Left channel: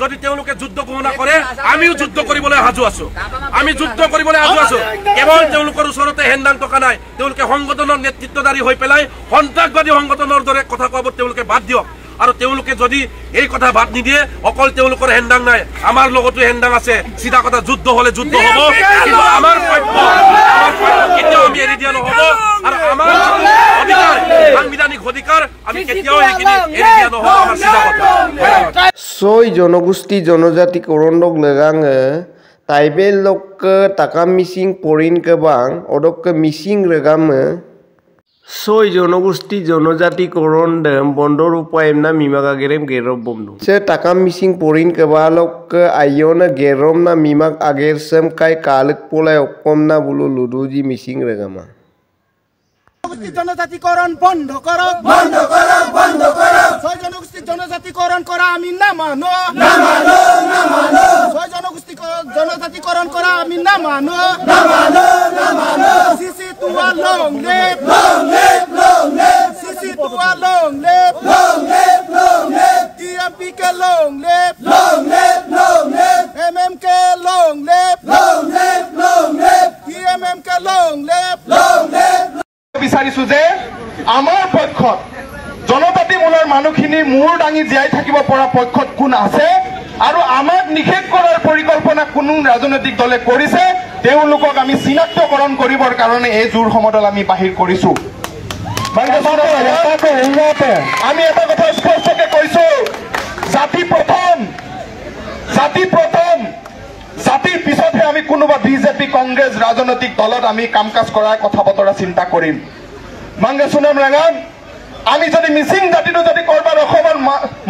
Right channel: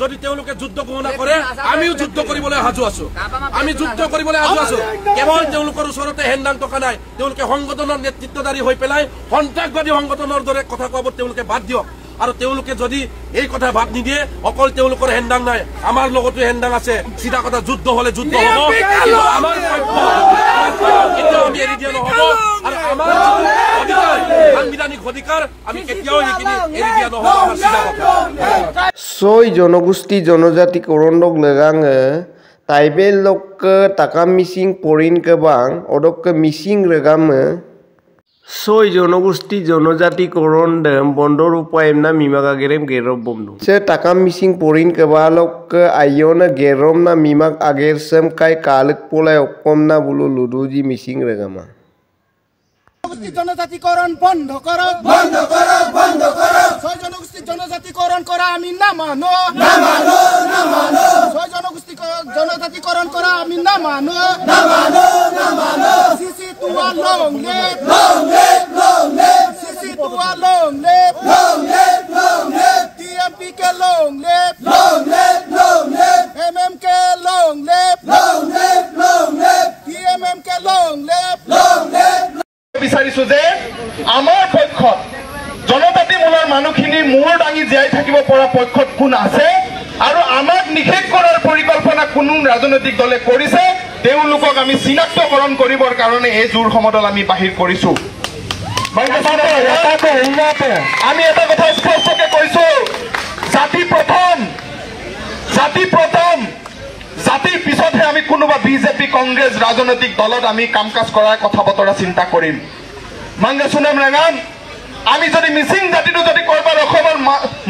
যদি তেওঁলোকে যুদ্ধ ঘোষণা কৰে আমিও যুদ্ধ কৰিবলৈ সাজু আছো আমি যুদ্ধ কৰিবলৈ সাজু আছো কেৱল তেওঁলোকৰ ওচৰতে হেণ্ডাং টকা নাই তেওঁলোকে সংগঠনৰ নেতৃত্বদাৰী হৈ পেলাই সন্ত্ৰাসবাদী সংগঠনৰ দৰে কথা কোৱাব তেওঁলোকে বাদ দিয়ক আৰু তেওঁলোকে যদি এই কথা বাদ নিদিয়ে অকল তেওঁলোকৰ হেণ্ডাং নাই আমাৰ লগতো হেণ্ডাং আছে সিধা কথা যুদ্ধ হলে যুদ্ধ হ'ব কিন্তু আমাৰ পক্ষ কেতিয়াও আমি এৰি দিয়া নহব আৰু আমাৰ অধিকাৰ সাংবিধানিক অধিকাৰ আমি কেতিয়াও এইখিনি এৰি দিয়া নহব আমাৰ সিধা কথা ছয় জনগোষ্ঠী জনজাতি করন্দক লেগাঙে তাইবেল লক টাকা মিসিং পরিন কেবাং অদক মিসিং রেগামে ছয় জনগোষ্ঠী জনজাতি করন্ড বন্দর উপায় না মিমাকা গেরেম গেরব বন্ধু সে টাকা মিসিং পরিন কেবালক আইয়না গেরম না মিমাক আগের সেম কাই কালক পোলাই অকম না বুলো লুডুজি মিসিং রেগামা জনজাতিকরণ বন্ধ করো বন্ধ করো বন্ধ করো ছয় জনগোষ্ঠী জনজাতিকরণ করা আমি না মানো না মানো না মানো ছয় জনগোষ্ঠী জনজাতিকরণ করা আমি না মানো না মানো না মানো সিসি তুয়া লং লেপ সিসি তুয়া লং লেপ টিএমপি কে লং লেপ এমএম কে লং লেপ টিএমএম কে লং লেপ বিচাৰিছো যে আমাৰ পক্ষত জনজাতিমূলৰ মানুহখিনি মূৰ দাঙি জীয়াই থাকিব পৰা পক্ষত কোন আছে আৰু আমাক নিষেধ কৰাৰ পৰিকল্পনা কোনো ৰাজনৈতিক দলে কৰিছে তেওঁলোকক আমি চিনাক্তকৰণ কৰিবৰ কাৰণে এই জোৰ সমদল আমি বাহিৰ কৰিছো আমি এটা কথা স্পষ্টকে কৈছো জাতি প্ৰথম জাতিৰ পিছতহে আমি কোনোবা বিজেপি কংগ্ৰেছ ৰাজনৈতিক দলত আমি কাম কাজ কৰাৰ কথা বতৰা চিন্তা কৰিম মাংগে সুনাম ৰাঙান আমি যদি মিচিং জাতিটো যদি কৰবাৰ অসমৰ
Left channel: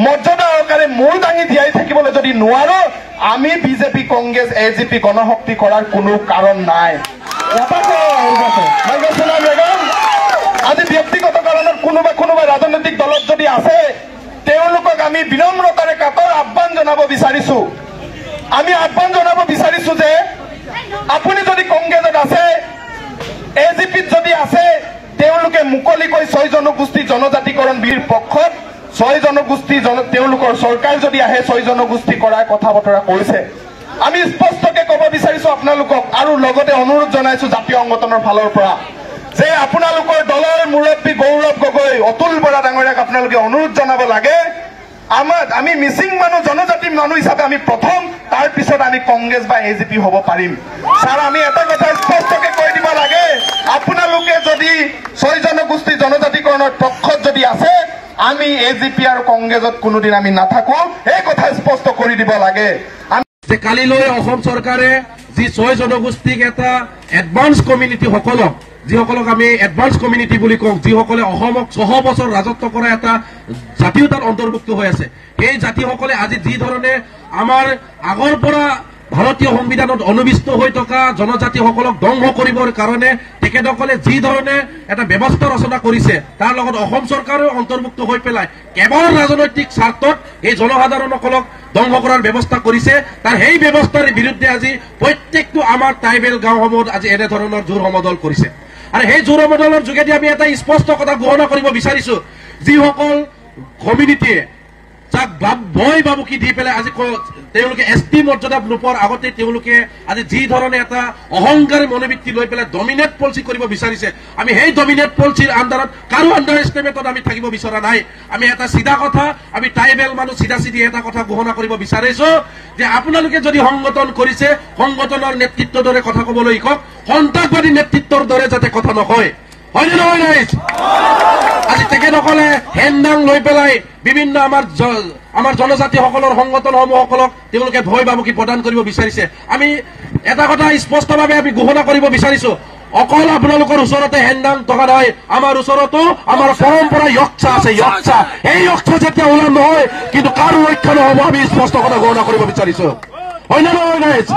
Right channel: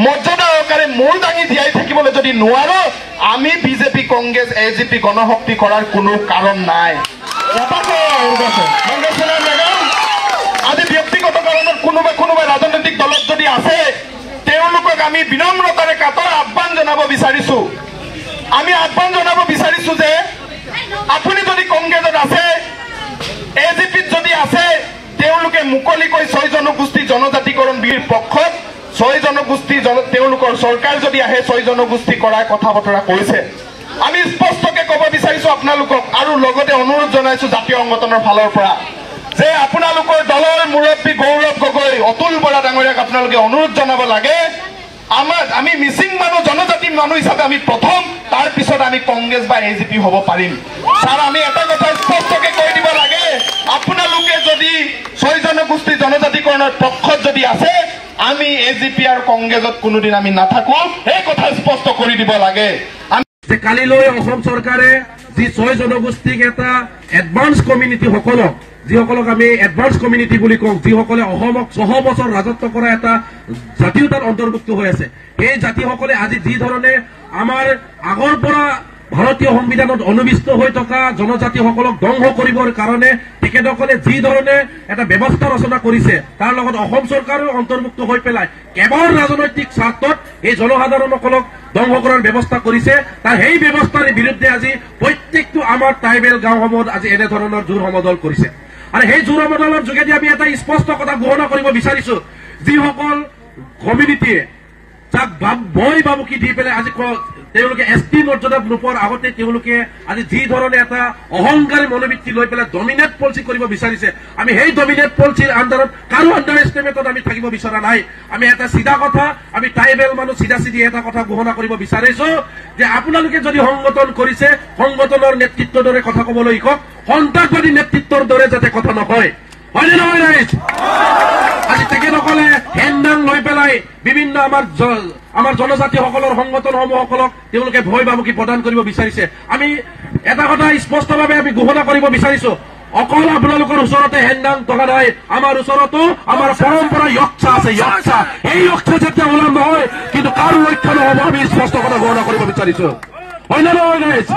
মৰ্যাদা সহকাৰে মূৰ দাঙি জীয়াই থাকিবলৈ যদি নোৱাৰো আমি বিজেপি কংগ্ৰেছ এজিপি গণশক্তি কৰাৰ কোনো কাৰণ নাই মাংগে সুনাম ৰাঙান আজি ব্যক্তিগত কাৰণত কোনোবা ৰাজনৈতিক দলত যদি আছে তেওঁলোকক আমি বিনম্ৰতাৰে কাতৰ আহ্বান জনাব বিচাৰিছো আমি আহ্বান জনাব বিচাৰিছো যে আপুনি যদি কংগ্ৰেছত আছে এজিপিত যদি আছে তেওঁলোকে মুকলিকৈ ছয় জনগোষ্ঠী জনজাতিকৰণ বিৰ পক্ষত ছয় জনগোষ্ঠী তেওঁলোকৰ চৰকাৰ যদি আহে ছয় জনগোষ্ঠী কৰাৰ কথা বতৰা কৈছে আমি স্পষ্টকে ক'ব বিচাৰিছো আপোনালোকক আৰু লগতে অনুৰোধ জনাইছো জাতীয় সংগঠনৰ ফালৰ পৰা যে আপোনালোকৰ দলৰ মুৰব্বী গৌৰৱ গগৈ অতুল বৰা ডাঙৰীয়াক আপোনালোকে অনুৰোধ জনাব লাগে আমি মিচিং মানুহ জনজাতি মানুহ হিচাপে আমি প্ৰথম তাৰ পিছত আমি কংগ্ৰেছ বা এজিপি হ'ব পাৰিম ছাৰ আমি এটা কথা স্পষ্টকে কৈ দিব লাগে আপোনালোকে যদি ছয় জনগোষ্ঠী জনজাতিকৰণৰ পক্ষত যদি আছে আমি এজিপি আৰু কংগ্ৰেছত কোনোদিন আমি নাথাকো এই কথা স্পষ্ট কৰি দিব লাগে কালিলৈ অসম চৰকাৰে যি ছয় জনগোষ্ঠীক এটা এডভান্স কমিউনিটি যিসকলক আমি এডভান্স কমিউনিটি বুলি কওঁ যিসকলে অসমক 6 বছৰ ৰাজত্ব কৰা এটা জাতীয়তাৰ অন্তৰ্ভুক্ত হৈ আছে এই জাতিসকলে আজি যি ধৰণে আমাৰ আগৰ পৰা ভাৰতীয় সংবিধানত অনুবিষ্ট হৈ থকা জনজাতিসকলক ধ্বংস কৰিবৰ কাৰণে তেখেতসকলে যি ধৰণে এটা ব্যৱস্থা ৰচনা কৰিছে তাৰ লগত অসম চৰকাৰো অন্তৰ্ভুক্ত হৈ পেলাই কেৱল ৰাজনৈতিক স্বাৰ্থত এই জনসাধাৰণসকলক ধ্বংস কৰাৰ ব্যৱস্থা কৰিছে তাৰ সেই ব্যৱস্থাৰ বিৰুদ্ধে আজি প্ৰত্যেকটো আমাৰ ট্ৰাইবেল গাঁওসমূহত আজি এনে ধৰণৰ জোৰ সমদল কৰিছে আৰু সেই জোৰ সমদলৰ যোগেদি আমি এটা স্পষ্ট কথা ঘোষণা কৰিব বিচাৰিছো যিসকল কমিউনিটিয়ে যাক ভয় বাবুকি দি পেলাই আজি তেওঁলোকে এছটি মৰ্যাদা নোপোৱাৰ আগতে তেওঁলোকে আজি যি ধৰণে এটা অহংকাৰী মনোবৃত্তি লৈ পেলাই ডমিনেট পলিচি কৰিব বিচাৰিছে আমি সেই ডমিনেট পলিচিৰ আণ্ডাৰত কাৰো আণ্ডাৰ এষ্টিমেটত আমি থাকিব বিচৰা নাই আমি এটা চিধা কথা আমি ট্ৰাইবেল মানুহ চিধা এটা কথা ঘোষণা কৰিব বিচাৰিছো যে আপোনালোকে যদি সংগঠন কৰিছে সংগঠনৰ নেতৃত্বৰ দৰে কথা ক'বলৈ শিকক সন্ত্ৰাসবাদী নেতৃত্বৰ দৰে যাতে কথা নকয় হয়নে নহয় ৰাইজ আজি তেখেতসকলে হেণ্ডাং লৈ পেলাই বিভিন্ন আমাৰ জনজাতিসকলৰ সংগঠনসমূহসকলক তেওঁলোকে ভয় বাবুকি প্ৰদান কৰিব বিচাৰিছে আমি এটা কথা স্পষ্টভাৱে আমি ঘোষণা কৰিব বিচাৰিছো অকল আপোনালোকৰ ওচৰতে হেণ্ডাং টকা নাই আমাৰ ওচৰতো আমাৰ পৰম্পৰা য়ক্ষা আছে য়ক্ষা এই য়ক্ষা যেতিয়া ওলাম নহয় কিন্তু কাৰো ৰক্ষা নহ'ব আমি স্পষ্ট কথা ঘোষণা কৰিব বিচাৰিছো হয় নে নহয় ৰাইজ